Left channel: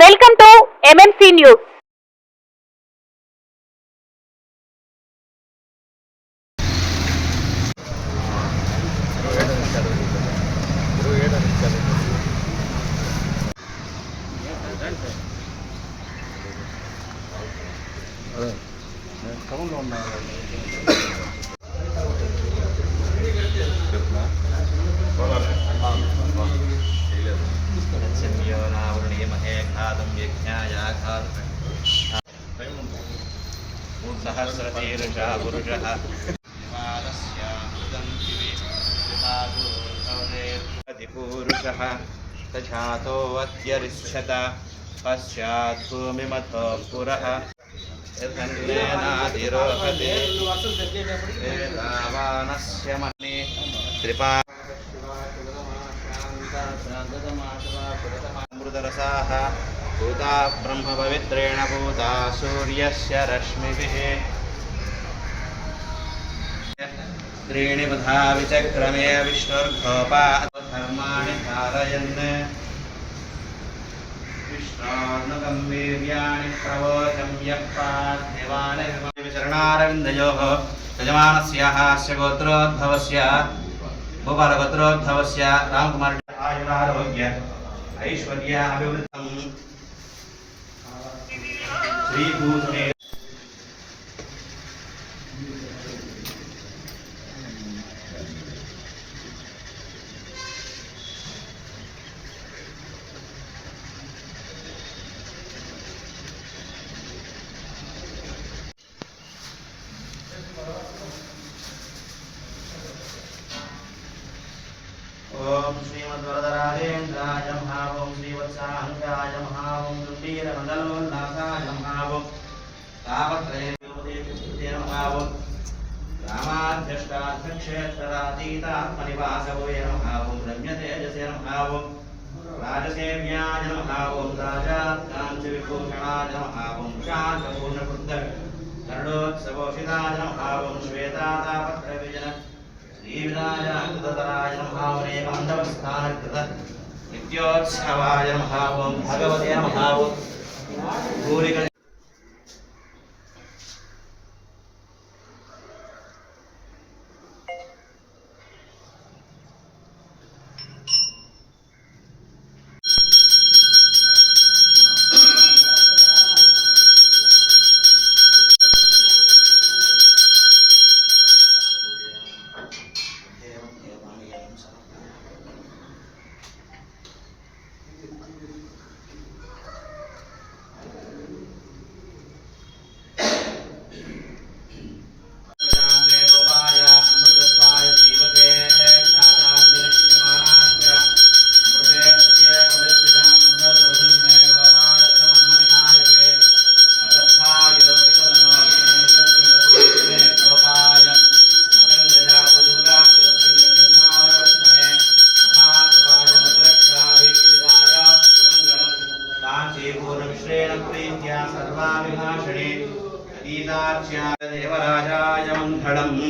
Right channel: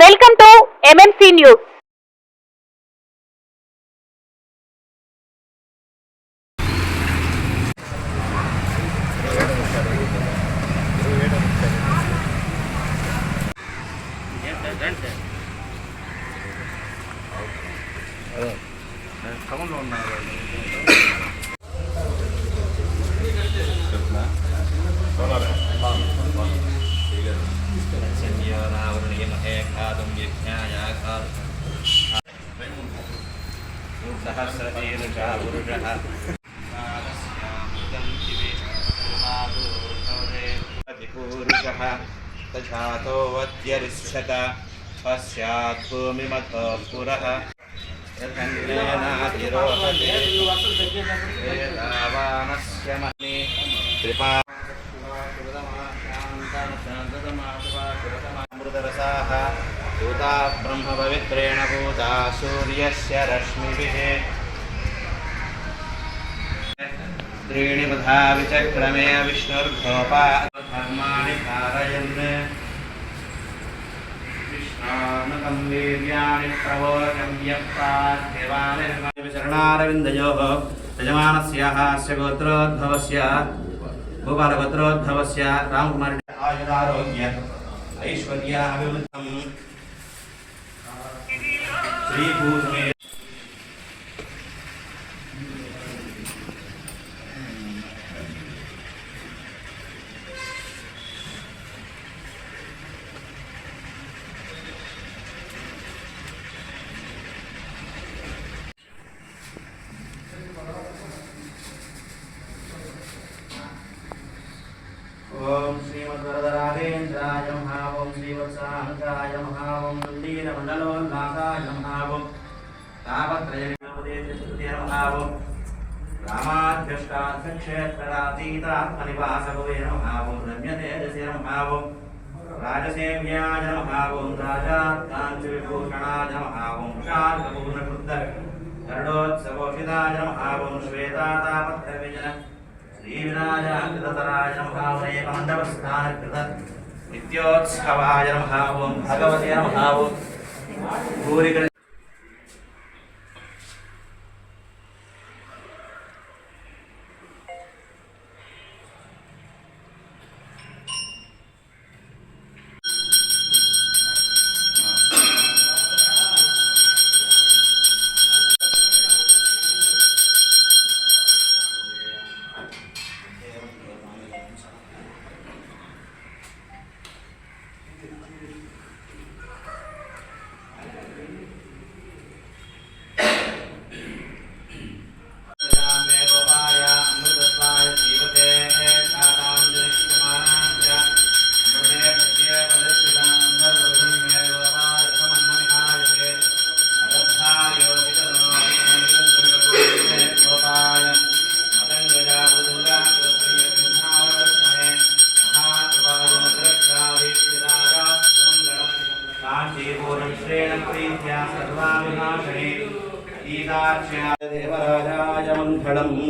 Welcome to MMC news. तछातो वद्यरिष्यत पश्चात् भूमिमथो पुरः यथन्नेनाधिरोहते वेदावानस्य मन्ये कृपामृतरसाः भूता ब्रह्मपवित्रेण भूता सूर्यस्य रश्मिभिः त्रीणि पथा विचक्रमे विष्णुर्घोपा धर्माणि धारयन् विष्णोर्नुकं वीर्याणि प्रवोचं यप्पाद्यवानि शरणारविन्दयोः यजमानस्याः अस्य गोत्रोद्भवस्य भूपालगोत्रोद्भवस्य रामकुमार आयुरारोग्य ऐश्वर्याभिवृद्धं श्रीभूषणे ओम श्रीमद्वरदराजेन्द्राय नमः। ओम श्रीवत्साहंकाय नमः। ओम लीलमण्डलोल्लासाय नमः। ओम तापत्रयोपदेशस्तुते नमः। ओम रामाध्यष्टार्थक्षेत्ररातीतात्मनिवासभवे नमः। ओम रम्यतेजसे नमः। ओम राजसेव्याय नमः। ओम राजात्काञ्चविभूषणाय नमः। ओम शार्कपूर्णकृद्ध गरुडोत्सवोषिताय नमः। ओम श्वेतातापत्रविजन श्रीविनायकतराय नमः। ओम एकमण्डपस्थानकृत नित्योत्सवाय नमः। ओम भगवते नमः। ओम भूरिक देवराजाय मंगलम्।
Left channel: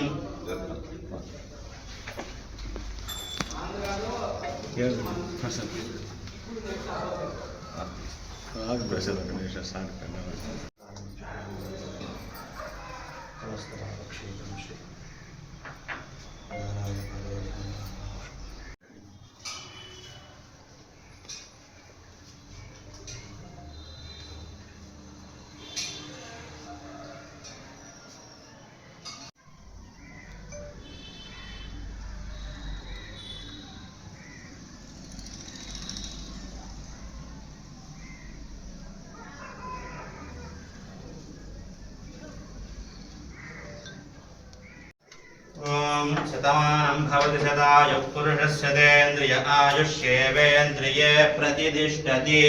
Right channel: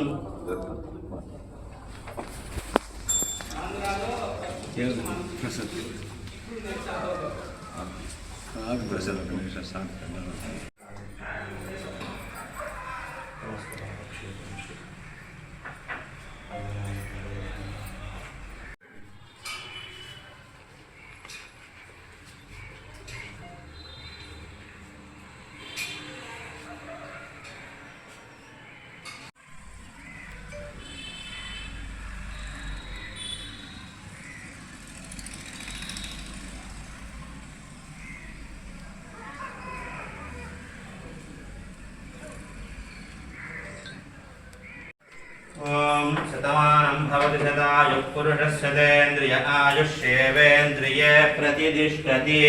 शतमानं भवति शतायुः पुरुषस्य तेन्द्रिय आयुष्येवेन्द्रिये प्रतिष्ठति।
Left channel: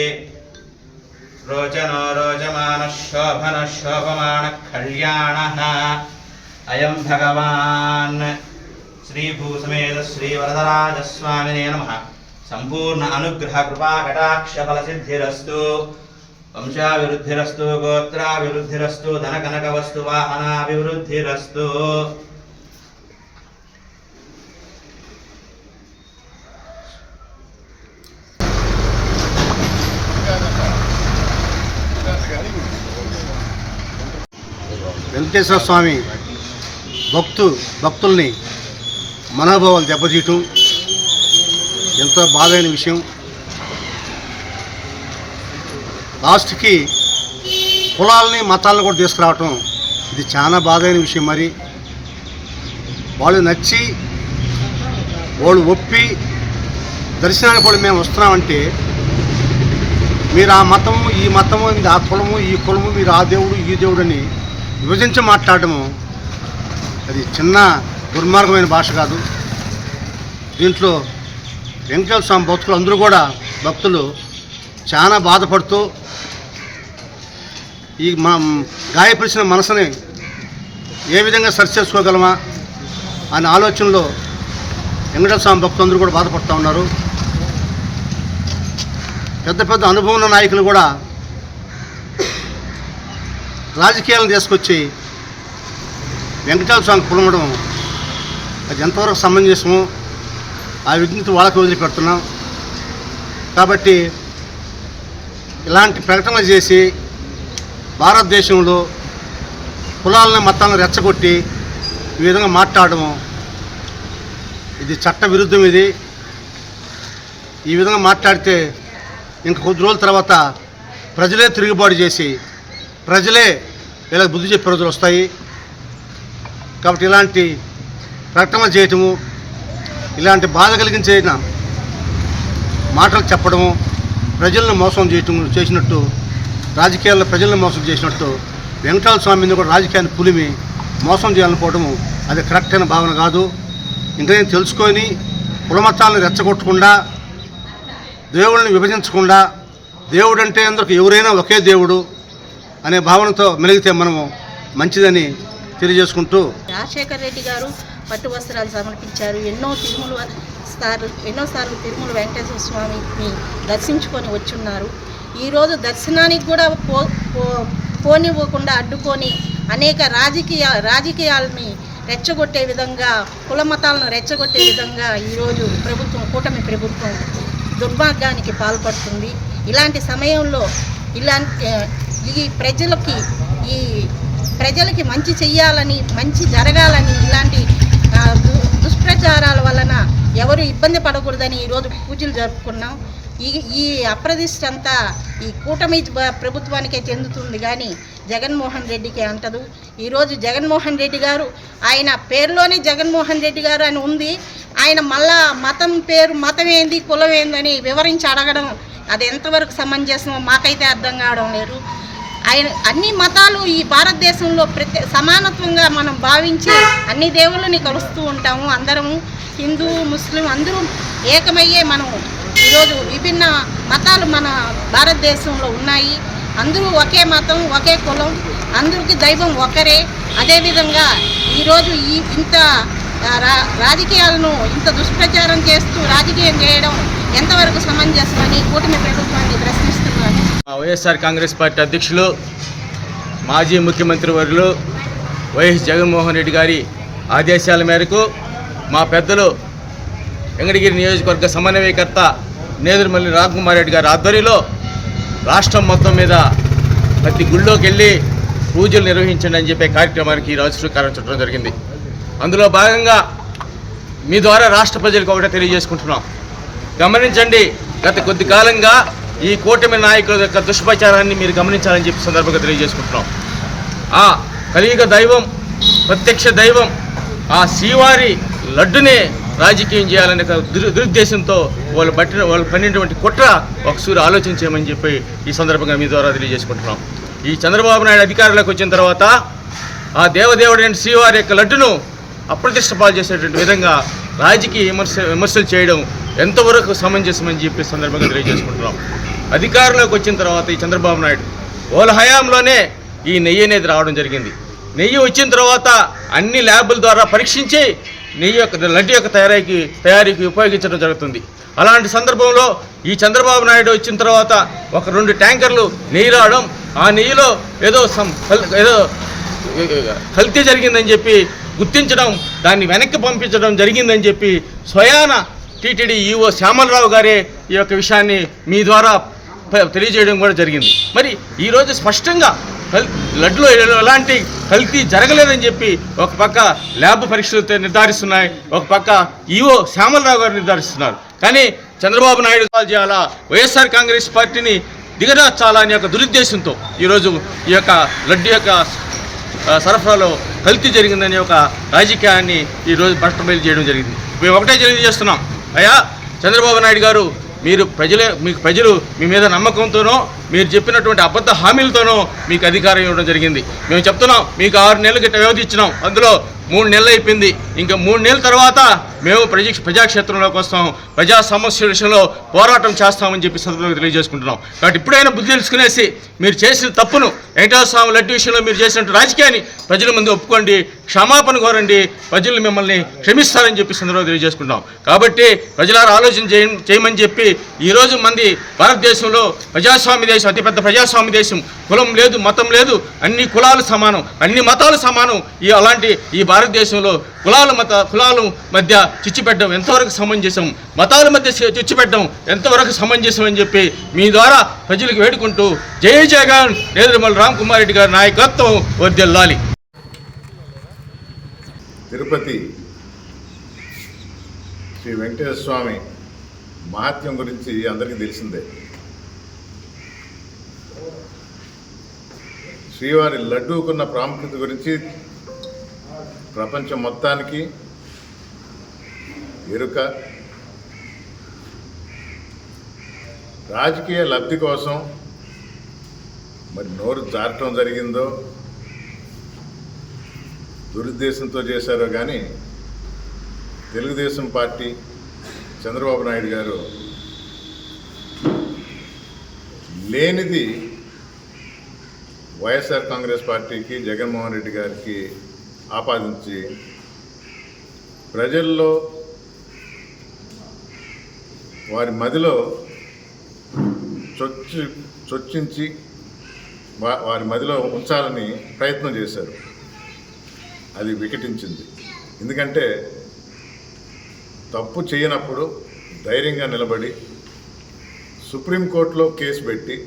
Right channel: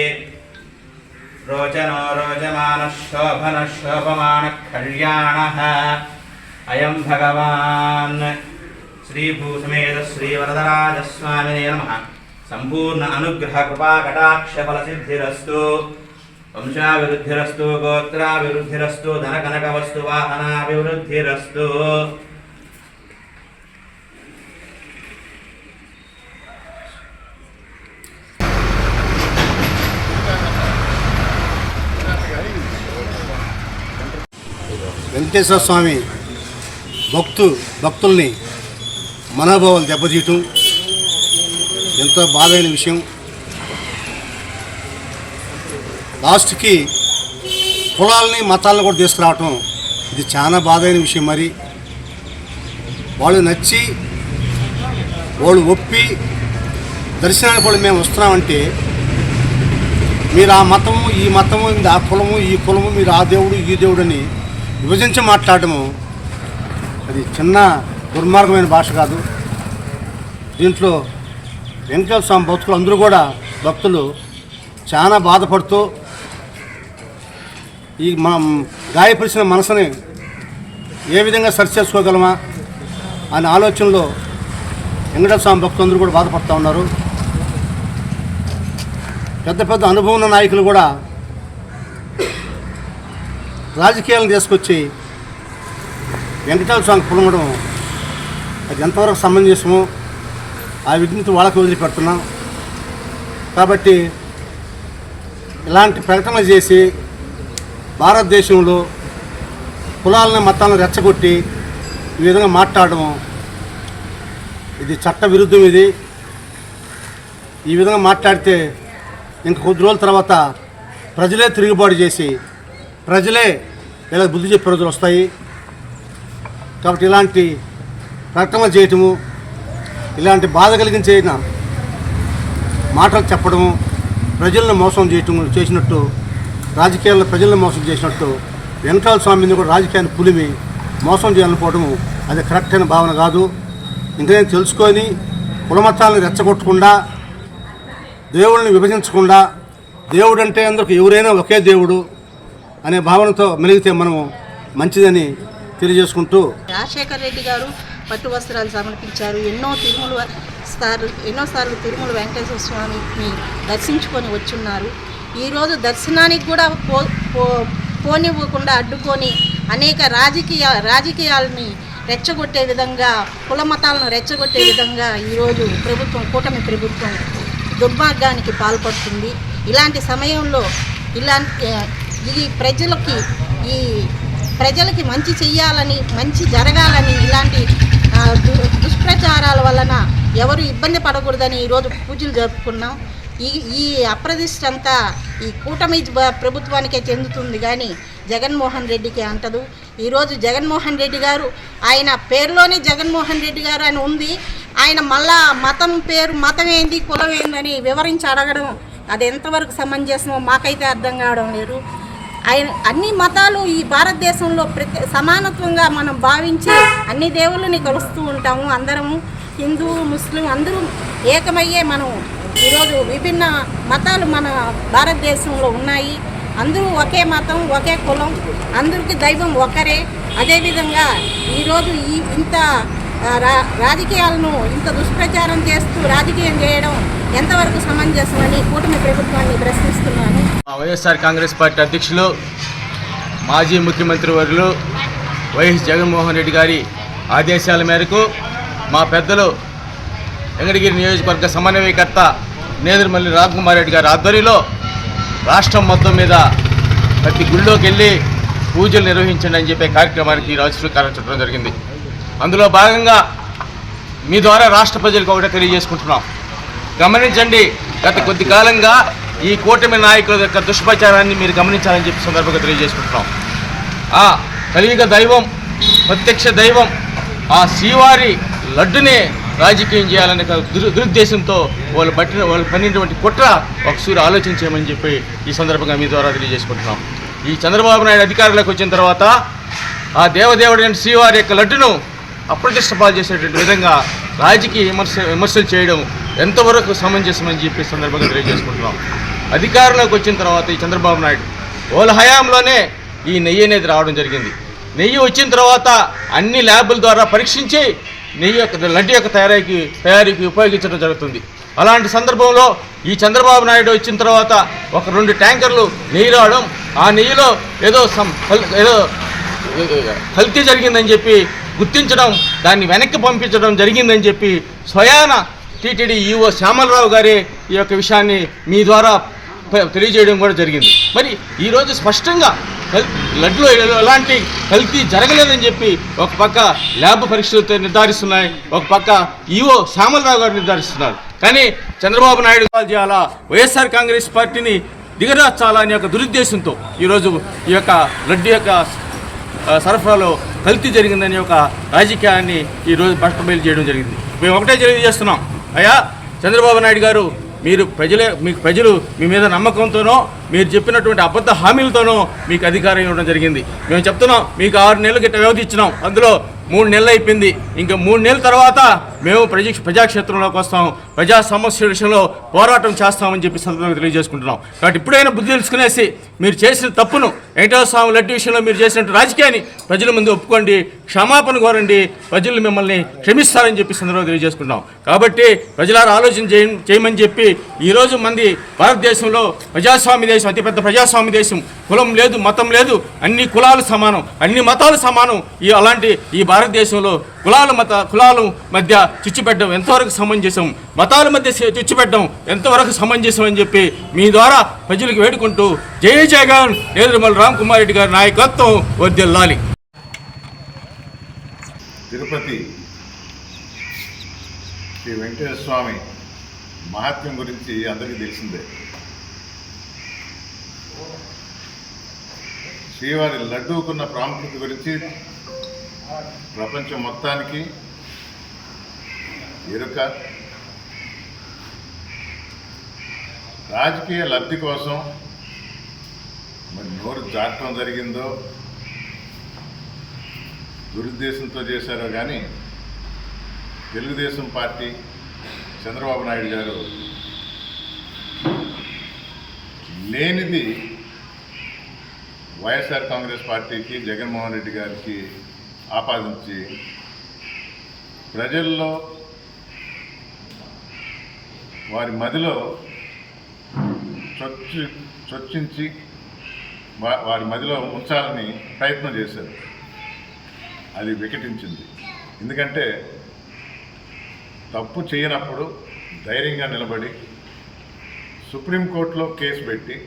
रोचनो रोचमानः शोभनः शोभमानः कल्याणः। अयं भगवान् श्रीभूसमेत श्रीवरदराजस्वामिने नमः। संपूर्ण अनुग्रह कृपा कटाक्ष फलसिद्धिरस्तु। वंशाभिवृद्धिरस्तु। गोत्राभिवृद्धिरस्तु। धनकनकवस्तु वाहनाभिवृद्धिरस्तु। వెంకటేశ్వర స్వామి భక్తుల్ని మనోభావాలు దెబ్బతీయటం ఎంతో బాధైన విషయం. లాస్ట్కి కులాలని మతాలను కూడా తీసుకురావటం ఇది చాలా బాధైన విషయం. మరి వాళ్ళు నచ్చి వాళ్ళు ఒప్పి దర్శనానికి కూడా మేము వస్తున్నామంటే మీరు ఆ మతము ఈ మతము ఆ కులము ఈ కులము మీరు ఆ దేవుడు ఈ దేవుడు అని విభజించి మాట్లాడటము అది చిన్న దుర్మార్గమైన భాష కాదు. దీంట్లో వెంకటేశ్వర స్వామి భక్తులు అందరూ కూడా భక్తులు చాలా బాధపడుతూ ఈ గాయపరిచిన మనసుని ఏ విధంగా సరి చేసుకోగలమా అనే ఆలోచనలో వెంకటేశ్వర స్వామి భక్తులు అందరూ కూడా బాధపడుతూ ఉన్నారు. పెద్ద పెద్ద అనుభవం ఉన్న నాయకులు కూడా రాజకీయాలను తీసుకొచ్చి వెంకటేశ్వర స్వామికి పులమడం అది ఎంతవరకు సమంజసమో ఆ విజ్ఞత వాళ్ళకి వదిలిపెడుతున్నాం. కాబట్టి ఇలాంటి ప్రకటనలు చేసి భారతదేశంలో కులాలను మతాలను రెచ్చగొట్టి ఈ విధంగా మాట్లాడము ఇది చట్ట విరుద్ధం. ఇది ఈ విధంగా మాట్లాడితే ఇంక కొద్ది రోజుల తర్వాత ప్రజలే తిరుగుబాటు చేసి ప్రజలే వీళ్ళకి బుద్ధి చెప్పే రోజులు వస్తాయి. కాబట్టి ఇలాంటి ప్రకటనలు చేయటము ఇలాంటి బాధ కలిగించే మాటలు చెప్పడము ప్రజలను మోసం చేసినట్టు రాజకీయాల్లో ప్రజలను మోసం చేసినట్టు వెంకటేశ్వర స్వామి మీద కూడా రాజకీయాన్ని పులిమి మోసం చేయాలనుకోవడము అది కరెక్ట్ అయిన భావన కాదు. ఇంకా నేను తెలుసుకొని కులమతాలను రెచ్చగొట్టకుండా దేవుళ్ళని విభజించకుండా దేవుడు అంటే అందరికి ఎవరైనా ఒకే దేవుడు అనే భావనతో మెలిగితే మనము మంచిదని తెలియజేసుకుంటూ రాజశేఖర రెడ్డి గారు పట్టు వస్త్రాలు సమర్పించారు. ఎన్నోసార్లు తిరుమల వెంకటేశ్వర స్వామిని దర్శించుకొని వచ్చున్నారు. ఈరోజు దర్శనానికి కూడా పోనివ్వకుండా అడ్డుకొని అనేక రాజకీయాలని రెచ్చగొట్టే విధంగా కుల మతాలను రెచ్చగొట్టే విధంగా ఈరోజు కూటమి ప్రభుత్వం దుర్మార్గానికి పాల్పడుతుంది. ఇలాంటి సమయంలో ఈ ప్రజలకి మంచి చెయ్యాలని మంచి జరగాలని ఇలాంటి దుష్ప్రచారాల వలన ఎవరు ఇబ్బంది పడకూడదని ఈరోజు పూజలు జరుపుకున్నాం. ఈ అప్రదిష్ట అంతా ఈ కూటమి ప్రభుత్వానికే చెందుతుంది కానీ జగన్మోహన్ రెడ్డికి అంటదు. ఈరోజు జగన్మోహన్ రెడ్డి గారు ఆయన పేరులోనే జగన్మోహన్ రెడ్డి గారు అని ఉంది. ఆయన మళ్ళా మతం ఏంది కులం ఏందని వివరించి అడగడం అది ఎంతవరకు సమంజసమో మాకైతే అర్థం కావడం లేదు. ఆయన అన్ని మతాలు ఈ భారతదేశంలో సమానత్వంగా మనం భావించి అన్ని దేవుళ్ళని కలుస్తూ ఉంటాము. అందరము హిందూ ముస్లిం అందరూ ఏకమయ్యే మనం ఈరోజు విభిన్న మతాలు మన భారతదేశంలో ఉన్నాయి. అందరూ ఒకే మతం ఒకే కులం అందరికీ దైవం ఒకరే. అదేవిధంగా ఈరోజు ఇంత రాజకీయాలను ఇంత దుష్ప్రచారం చేస్తూ రాజకీయం చేయడం ఎంతవరకు సమంజసమని కూటమి ప్రభుత్వాన్ని ప్రశ్నిస్తున్నాను. వైఎస్ఆర్ కాంగ్రెస్ పార్టీ అధ్యక్షులు మాజీ ముఖ్యమంత్రి వర్యులు వైఎస్ జగన్మోహన్ రెడ్డి గారి ఆదేశాల మేరకు మా పెద్దలు వెంకటగిరి నియోజకవర్గ సమన్వయకర్త నేదురుమల్లి రాఘకుమార్ రెడ్డి గారి ఆధ్వర్యంలో రాష్ట్రం మొత్తం మీద ప్రతి గుళ్ళోకి వెళ్ళి పూజలు నిర్వహించండి అని చెప్పే కార్యక్రమానికి ఈరోజు శ్రీకారం చుట్టడం జరిగింది. అందులో భాగంగా మీ ద్వారా రాష్ట్ర ప్రజలకు ఒకటే తెలియజేసుకుంటున్నాం. గమనించండి, గత కొద్ది కాలంగా ఈ కూటమి నాయకుల యొక్క దుష్ప్రచారాన్ని మీరు గమనించాలని చెప్పి సందర్భంగా తెలియజేసుకుంటున్నాం. ఆ కలియుగ దైవం ప్రత్యక్ష దైవం ఆ శ్రీవారి లడ్డునే రాజకీయం చేయాలనే దురుద్దేశంతో వాళ్ళు పడినటువంటి కుట్ర ఒకసారి ఆలోచన చేయమని చెప్పి ఈ సందర్భంగా మీ ద్వారా తెలియజేసుకుంటున్నాం. ఈ చంద్రబాబు నాయుడు అధికారంలోకి వచ్చిన తర్వాత ఆ దేవదేవుడైన శ్రీవారి యొక్క లడ్డును అప్రతిష్ట పాలు చేసేటువంటి విధంగా రాజకీయ విమర్శలు చేయడం ఎంతవరకు సమంజసమని చెప్పి సందర్భంగా తెలియజేసుకుంటున్నాం. అధికారంలోకి వచ్చిన తర్వాత ఈ చంద్రబాబు నాయుడు వాళ్ళ హయాంలోనే ఈ నెయ్యి అనేది రావడం జరిగింది. నెయ్యి వచ్చిన తర్వాత అన్ని ల్యాబుల ద్వారా పరీక్షించి నెయ్యి యొక్క లడ్డు యొక్క తయారీకి ఉపయోగించడం జరుగుతుంది. అలాంటి సందర్భంలో ఈ చంద్రబాబు నాయుడు వచ్చిన తర్వాత ఒక 2 ట్యాంకర్లు నెయ్యి రావడం, ఆ నెయ్యిలో ఏదో కల్తీ జరిగిందని చెప్పి గుర్తించడం, దాన్ని వెనక్కి పంపించడం జరిగిందని చెప్పి స్వయాన టీటీడీ ఈఓ శ్యామలరావు గారే ఈ యొక్క విషయాన్ని మీ ద్వారా తెలియజేయడం కూడా జరిగింది. మరి ఈరోజు స్పష్టంగా లడ్డులో ఎలాంటి కల్తీ జరగలేదని చెప్పి ఒక పక్క ల్యాబ్ పరీక్షలు నిర్ధారిస్తున్నాయి, ఒక పక్క ఈవో శ్యామలరావు గారు నిర్ధారిస్తున్నారు. కానీ చంద్రబాబు నాయుడు చేయాలా, వైఎస్ఆర్ కాంగ్రెస్ పార్టీని దిగజార్చాలా అనే ఒక దురుద్దేశంతో ఈరోజు ఈ యొక్క లడ్డు యొక్క సరఫరాలో కల్తీ జరిగిందనే ఒక రాజకీయాన్ని ఈరోజు బట్టబయలు చేయడం జరిగింది. మేము ఒకటే తెలియజేస్తున్నాం, అయ్యా చంద్రబాబు నాయుడు గారు, మీకు ప్రజలు మీ మీద నమ్మకంతోనో మీరు చెప్పినటువంటి అబద్ధ హామీలతోనో మీకు అధికారం ఇవ్వడం జరిగింది. మేము చెప్తున్నాం, మీకు 6 నెలలు గిట్ట వ్యవధి ఇచ్చినాం, అందులో 3 నెలలు అయిపోయింది. ఇంకా 3 నెలల తర్వాత మేము ప్రజాక్షేత్రంలోకి వస్తాం, ప్రజా సమస్యల విషయంలో పోరాటం చేస్తామని చెప్పి సందర్భంగా తెలియజేసుకుంటున్నాం. కాబట్టి ఇప్పుడైనా బుద్ధి తెలుసుకునేసి మీరు చేసిన తప్పును, వెంకటేశ్వర స్వామి లడ్డు విషయంలో మీరు చేసినట్టు రాజకీయాన్ని ప్రజల ముందు ఒప్పుకోండి, క్షమాపణ కోరండి, ప్రజలు మిమ్మల్ని క్షమిస్తారని చెప్పి సందర్భంగా తెలియజేసుకుంటాం. కాబట్టి ప్రజలారా ఆలోచన చేయమని చెప్పి ఈరోజు మంది భారతదేశంలో ప్రజాస్వామ్య దేశం, అతిపెద్ద ప్రజాస్వామ్య దేశం, కులం లేదు, మతం లేదు, అన్ని కులాలు సమానం, అన్ని మతాలు సమానం. అలాంటి ఈ భారతదేశంలో కులాల మధ్య చిచ్చుపెట్టడం ఎంతవరకు సమంజసం, మతాల మధ్య చిచ్చుపెట్టడం ఎంతవరకు సమంజసం అని చెప్పి మీ ద్వారా ప్రజలకు వేడుకుంటూ జై జగన్ నేదురుమల రామ్ కుమార్ రెడ్డి గారి నాయకత్వం వర్ధిల్లాలి. తిరుపతి శ్రీ వెంకటేశ్వర స్వామి మహాత్మ్యం గురించి అందరికీ తెలిసిందే. శ్రీవారి లడ్డూకున్న ప్రాముఖ్యత గురించి ప్రపంచం మొత్తానికి ఎరుక. రాజకీయ లబ్ధి కోసం మరి నోరు జారటం జరిగిందో, దురుద్దేశంతో చేశారో కానీ తెలుగుదేశం పార్టీ చంద్రబాబు నాయుడు గారు లేనిది వైఎస్ఆర్ కాంగ్రెస్ పార్టీకి, జగన్మోహన్ రెడ్డి గారికి ఆపాదించి ప్రజల్లో వారి మదిలో చొచ్చించి వారి మదిలో ఉంచాలని ప్రయత్నం చేశారు. అది వికటించింది. ఎందుకంటే తప్పు చేయనప్పుడు ధైర్యంగా నిలబడి సుప్రీంకోర్టులో కేసు పెట్టి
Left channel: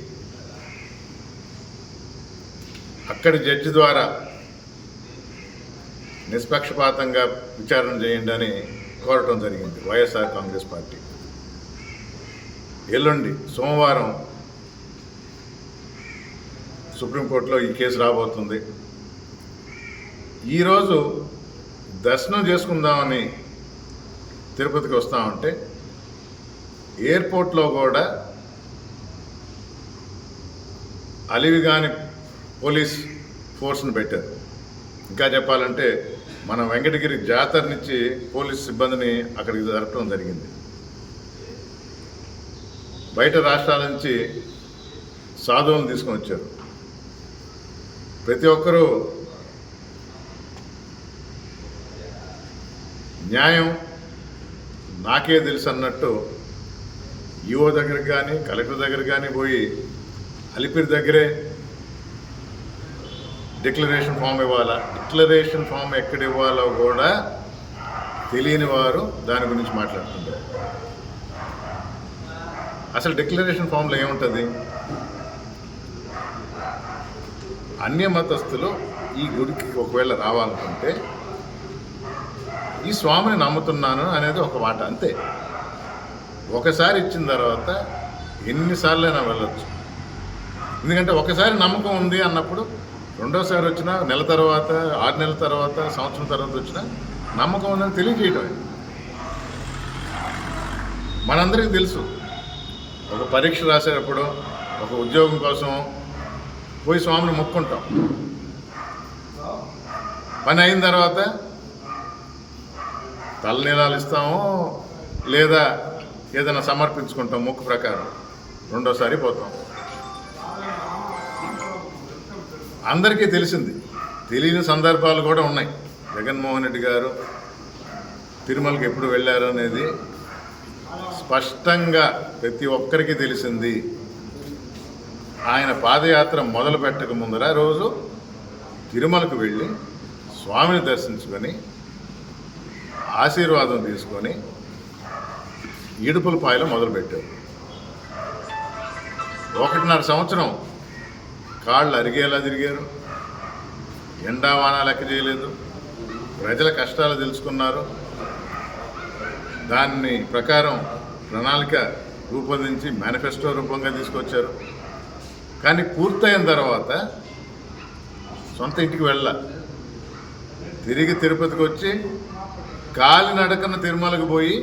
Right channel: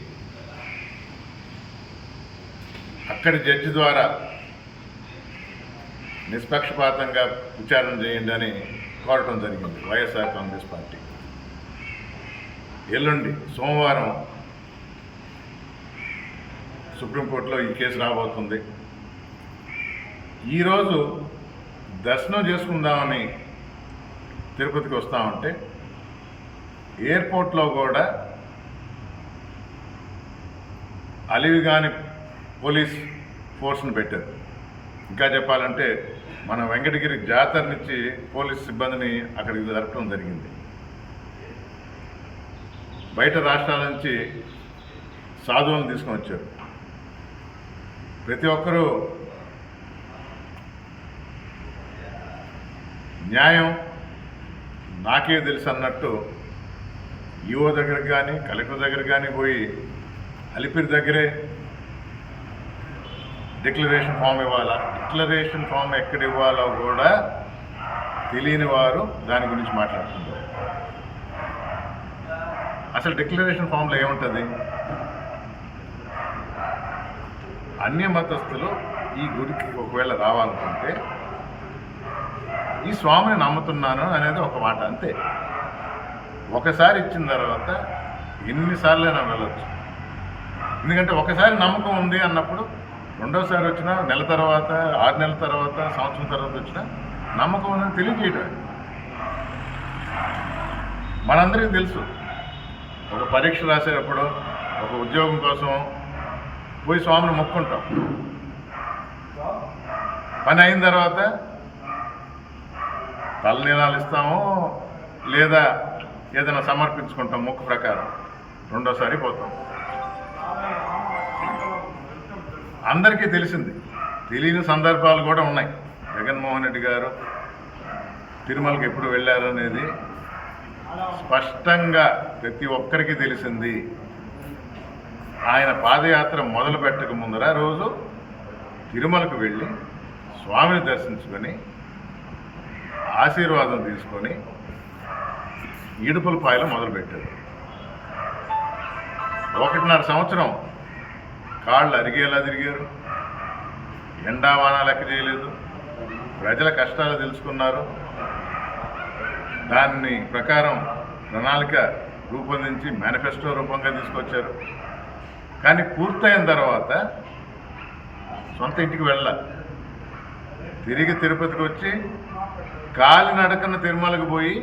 అక్కడి జడ్జి ద్వారా నిష్పక్షపాతంగా విచారణ చేయండి అని కోరటం జరిగింది వైఎస్ఆర్ కాంగ్రెస్ పార్టీ. ఎల్లుండి సోమవారం సుప్రీంకోర్టులో ఈ కేసు రాబోతుంది. ఈరోజు దర్శనం చేసుకుందామని తిరుపతికి వస్తామంటే ఎయిర్పోర్ట్లో కూడా అలివిగాని పోలీస్ ఫోర్స్ను పెట్టారు. ఇంకా చెప్పాలంటే మన వెంకటగిరి జాతర నుంచి పోలీస్ సిబ్బందిని అక్కడికి జరపడం జరిగింది. బయట రాష్ట్రాల నుంచి సాధువులను తీసుకొని వచ్చారు. ప్రతి ఒక్కరూ న్యాయం నాకే తెలుసు అన్నట్టు ఈఓ దగ్గరికి కానీ కలెక్టర్ దగ్గరికి కానీ పోయి అలిపిరి దగ్గరే డిక్లరేషన్ ఫామ్ ఇవ్వాలా, డిక్లరేషన్ ఫామ్ ఎక్కడ ఇవ్వాలో కూడా తెలియని వారు దాని గురించి మాట్లాడుతుంటారు. అసలు డిక్లరేషన్ ఫామ్లో ఏముంటుంది? అన్య మతస్థులు ఈ గుడికి ఒకవేళ రావాలనుకుంటే ఈ స్వామిని నమ్ముతున్నాను అనేది ఒక మాట, అంతే. ఒకసారి ఇచ్చిన తర్వాత ఎన్నిసార్లైనా వెళ్ళొచ్చు. ఎందుకంటే ఒకసారి నమ్మకం ఉంది అన్నప్పుడు రెండోసారి వచ్చినా, నెల తర్వాత, 6 నెలల తర్వాత, సంవత్సరం తర్వాత వచ్చినా నమ్మకం ఉందని తెలియజేయటమే. మనందరికీ తెలుసు, ఒక పరీక్ష రాసేటప్పుడు, ఒక ఉద్యోగం కోసం పోయి స్వామిని మొక్కుంటాం. పని అయిన తర్వాత తలనీలాలు ఇస్తాము, లేదా ఏదైనా సమర్పించుకుంటాం మొక్కు ప్రకారం. రెండోసారి పోతాం. అందరికీ తెలిసింది. తెలియని సందర్భాలు కూడా ఉన్నాయి. జగన్మోహన్ రెడ్డి గారు తిరుమలకి ఎప్పుడు వెళ్ళారు అనేది స్పష్టంగా ప్రతి ఒక్కరికి తెలిసింది. ఆయన పాదయాత్ర మొదలు పెట్టక ముందర రోజు తిరుమలకు వెళ్ళి స్వామిని దర్శించుకొని ఆశీర్వాదం తీసుకొని ఈడుపులపాయలో మొదలుపెట్టారు. 1.5 సంవత్సరం కాళ్ళు అరిగేలా తిరిగారు, ఎండావాన లెక్క చేయలేదు, ప్రజల కష్టాలు తెలుసుకున్నారు, దాన్ని ప్రకారం ప్రణాళిక రూపొందించి మేనిఫెస్టో రూపంగా తీసుకొచ్చారు. కానీ పూర్తయిన తర్వాత సొంత ఇంటికి తిరిగి తిరుపతికి వచ్చి కాలినడకన తిరుమలకు పోయి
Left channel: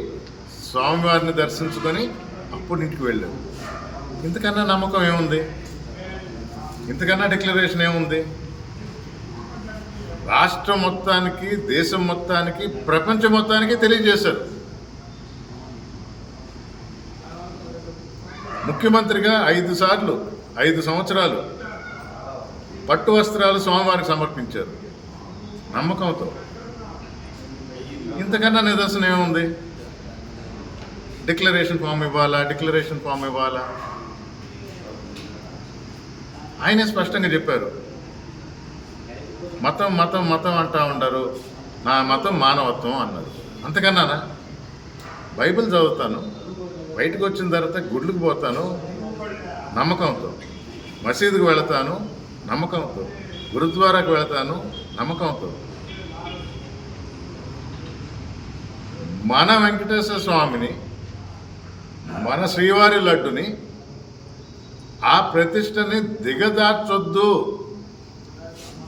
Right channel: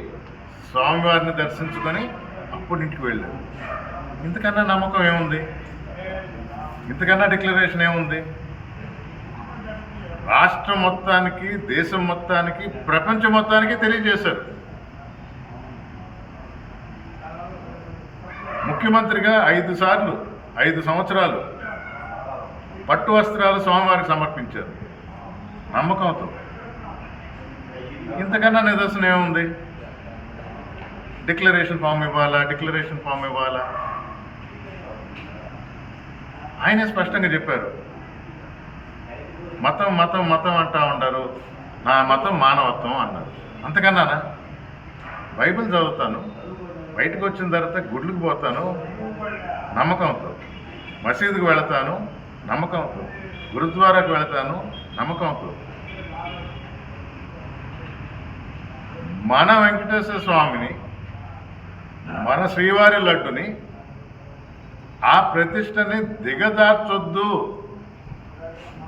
స్వామివారిని దర్శించుకొని అప్పుడు ఇంటికి వెళ్ళారు. ఇంతకన్నా నమ్మకం ఏముంది? ఇంతకన్నా డిక్లరేషన్ ఏముంది? రాష్ట్రం మొత్తానికి, దేశం మొత్తానికి, ప్రపంచం మొత్తానికి తెలియజేశారు. ముఖ్యమంత్రిగా 5 సంవత్సరాలు పట్టు వస్త్రాలు స్వామివారికి సమర్పించారు నమ్మకంతో. ఇంతకన్నా నిదర్శనం ఏముంది? డిక్లరేషన్ ఫామ్ ఇవ్వాలా? ఆయనే స్పష్టంగా చెప్పారు, మతం అంటా ఉండరు, నా మతం మానవత్వం అన్నారు. అంతకన్నానా? బైబిల్ చదువుతాను, బయటకు వచ్చిన తర్వాత గుడ్లకు పోతాను నమ్మకంతో, మసీదుకు వెళతాను నమ్మకంతో, గురుద్వారాకు వెళతాను నమ్మకంతో. మన వెంకటేశ్వర స్వామిని, మన శ్రీవారి లడ్డుని, ఆ ప్రతిష్టని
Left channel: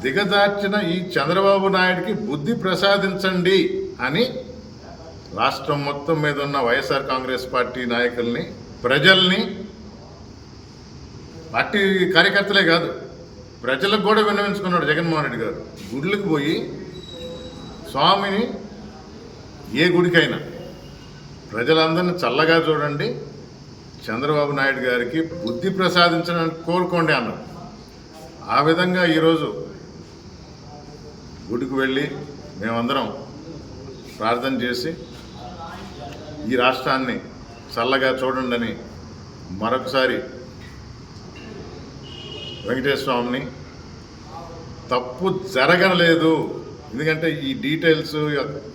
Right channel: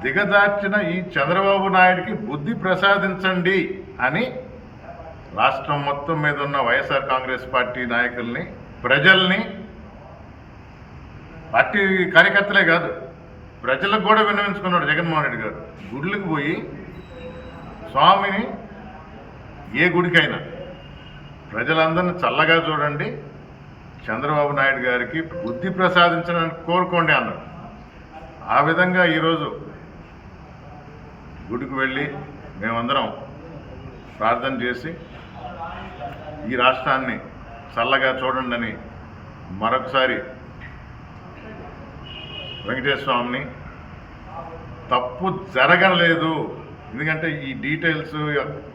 దిగదార్చిన ఈ చంద్రబాబు నాయుడికి బుద్ధి ప్రసాదించండి అని రాష్ట్రం మొత్తం మీద ఉన్న వైఎస్ఆర్ కాంగ్రెస్ పార్టీ నాయకుల్ని, ప్రజల్ని, పార్టీ కార్యకర్తలే కాదు ప్రజలకు కూడా విన్నవించుకున్నాడు జగన్మోహన్ రెడ్డి గారు. గుడులకు పోయి స్వామిని, ఏ గుడికైనా ప్రజలందరినీ చల్లగా చూడండి, చంద్రబాబు నాయుడు గారికి బుద్ధి ప్రసాదించడానికి కోరుకోండి అన్నారు. ఆ విధంగా ఈరోజు గుడికి వెళ్ళి మేమందరం ప్రార్థన చేసి ఈ రాష్ట్రాన్ని చల్లగా చూడండి అని మరొకసారి వెంకటేశ్వర స్వామిని, తప్పు జరగలేదు, ఎందుకంటే ఈ డీటెయిల్స్,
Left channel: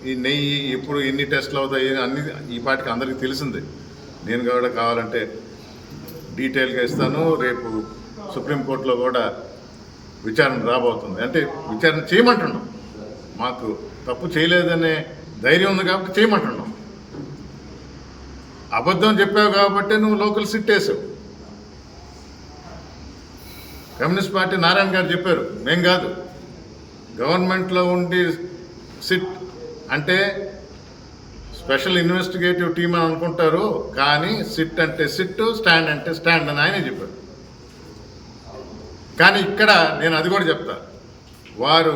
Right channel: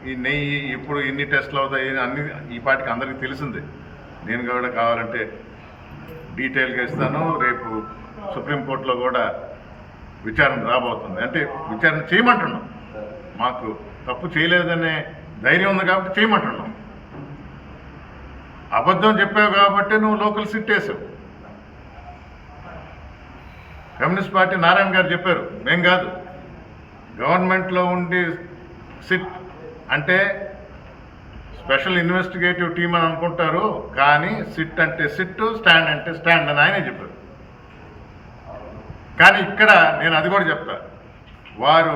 ఈ నెయ్యి ఎప్పుడు ఎన్ని టెస్టులు అవుతాయి అన్ని ఈ పాటికి అందరికీ తెలిసిందే. నేను కూడా కావాలంటే డీటెయిల్గా ఇస్తాను. రేపు సుప్రీంకోర్టులో కూడా విచారణ రాబోతుంది. అంటే విచారణ చేయమంటున్నాం, మాకు తప్పు చేయలేదనే ధైర్యం ఉంది కాబట్టి చేయమంటున్నాం. అబద్ధం చెప్పావు కాబట్టి నువ్వు లోకల్ సిట్ వేసావు. కమ్యూనిస్ట్ పార్టీ నారాయణ గారు చెప్పారు, మేం కాదు. గవర్నమెంట్లో ఉండి సిట్ అంటే స్పెషల్ ఇన్వెస్టిగేటివ్ టీమ్ అని అనుకుంటారు, కానీ సిట్ అంటే సిట్, స్టాండ్ అంటే స్టాండ్ అని ఆయనే చెప్పారు. కానీ ఇక్కడ నేను అది కూడా చెప్తా, వారు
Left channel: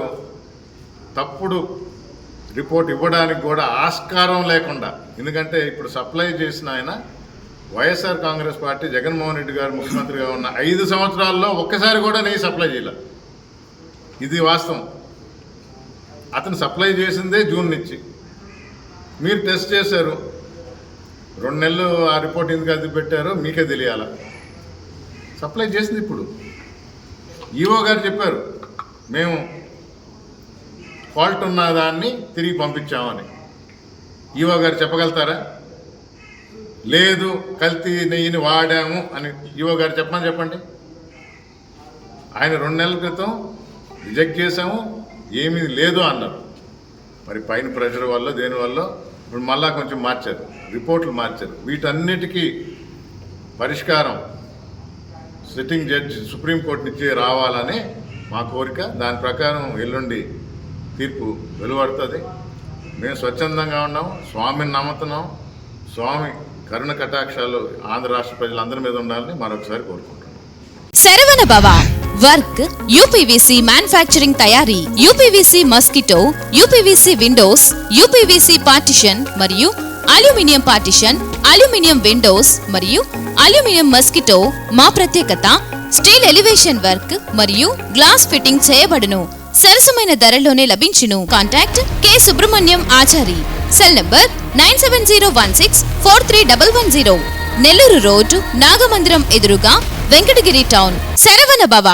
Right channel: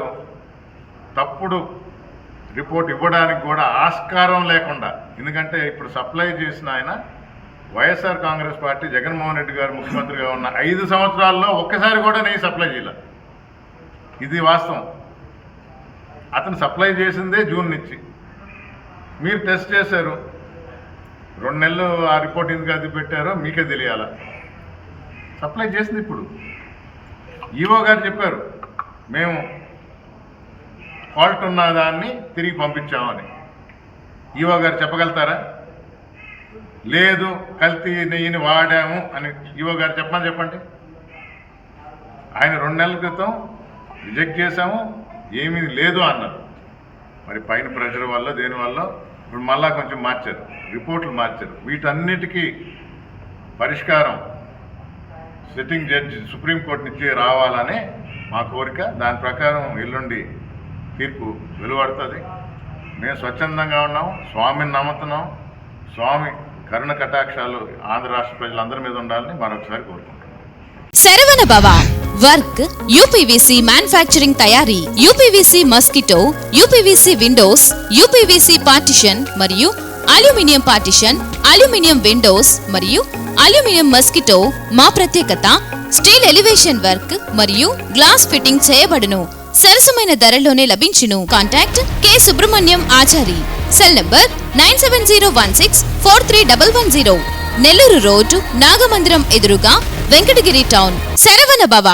తప్పుడు రిపోర్ట్ ఇవ్వడానికి కూడా ఆస్కారం లేకుండా, ఎందుకంటే ఇప్పుడు సప్లై చేసిన ఆయన వైఎస్ఆర్ కాంగ్రెస్ పార్టీ జగన్మోహన్ రెడ్డి గారు ముఖ్యమంత్రిగా ఉన్న 5 సంవత్సరాల్లో ఒక్కసారి కూడా నెయ్యి సప్లై చేయలే. ఇది వాస్తవం. అతను సప్లై చేసిందే జూన్ నుంచి. మీరు టెస్ట్ చేశారు, 2 నెలలు ఆ రిపోర్ట్ ఎందుకు అది పెట్టారో మీకే తెలియాలా. సప్లై చేసింది ఇప్పుడు. ఈవో గారు చెప్పారు, మేము ఫాల్ట్ ఉన్న దాన్ని తిరిగి పంపించామని. ఈవో గారు చెప్పగలుగుతారా? లేదు, కల్తీ నెయ్యిని వాడాము అని ఈవో గారు చెప్పండి. ఆయన 2 నెలల క్రితం రిజెక్ట్ చేశాము, ఏమీ లేదు అన్నారు. మరి పైన ప్రెషర్ వల్ల దేనివల్ల ఇప్పుడు మళ్ళా కొంచెం మార్చారు, రిపోర్ట్లు మార్చారు. వీటన్నిటికీ పరిష్కారం సిట్టింగ్ జడ్జి సుప్రీంకోర్టు నుంచి రావాలనే మా కోరిక. దాని ప్రకారం ఎల్లుండి తీర్పు వెలువడుతుంది. మేము స్వచ్ఛందంగా ఉన్నాం, స్వామిని నమ్ముతున్నాం. స్వామి కరుణ కటాక్షాలు ఆంధ్ర రాష్ట్ర ప్రజలందరి మీద ఉండాలని మరొకసారి కోరుకుంటున్నాం. శరవణ భవ వర్క్ యూపీవీసీ మ్యానుఫ్యాక్చరింగ్ తయారీ, UPVC mosquito, UPVC Windows, UPVC partition మరియు అల్యూమినియం పార్టిషన్, అల్యూమినియం విండోస్ మరియు అల్యూమినియం మస్కిటో. మా ప్రత్యేకత స్టీల్ ఎలివేషన్ వర్క్ మరియు గ్లాస్ ఫిట్టింగ్ చేయబడును. సరసమైన ధరలోనే లభించును. Contact K Subrahmanyam Achari. Cell number 9706431110. Nellore road, Nagamandiram ఎదురుగా, వెంకటగిరి టౌన్. శరవణ భవ.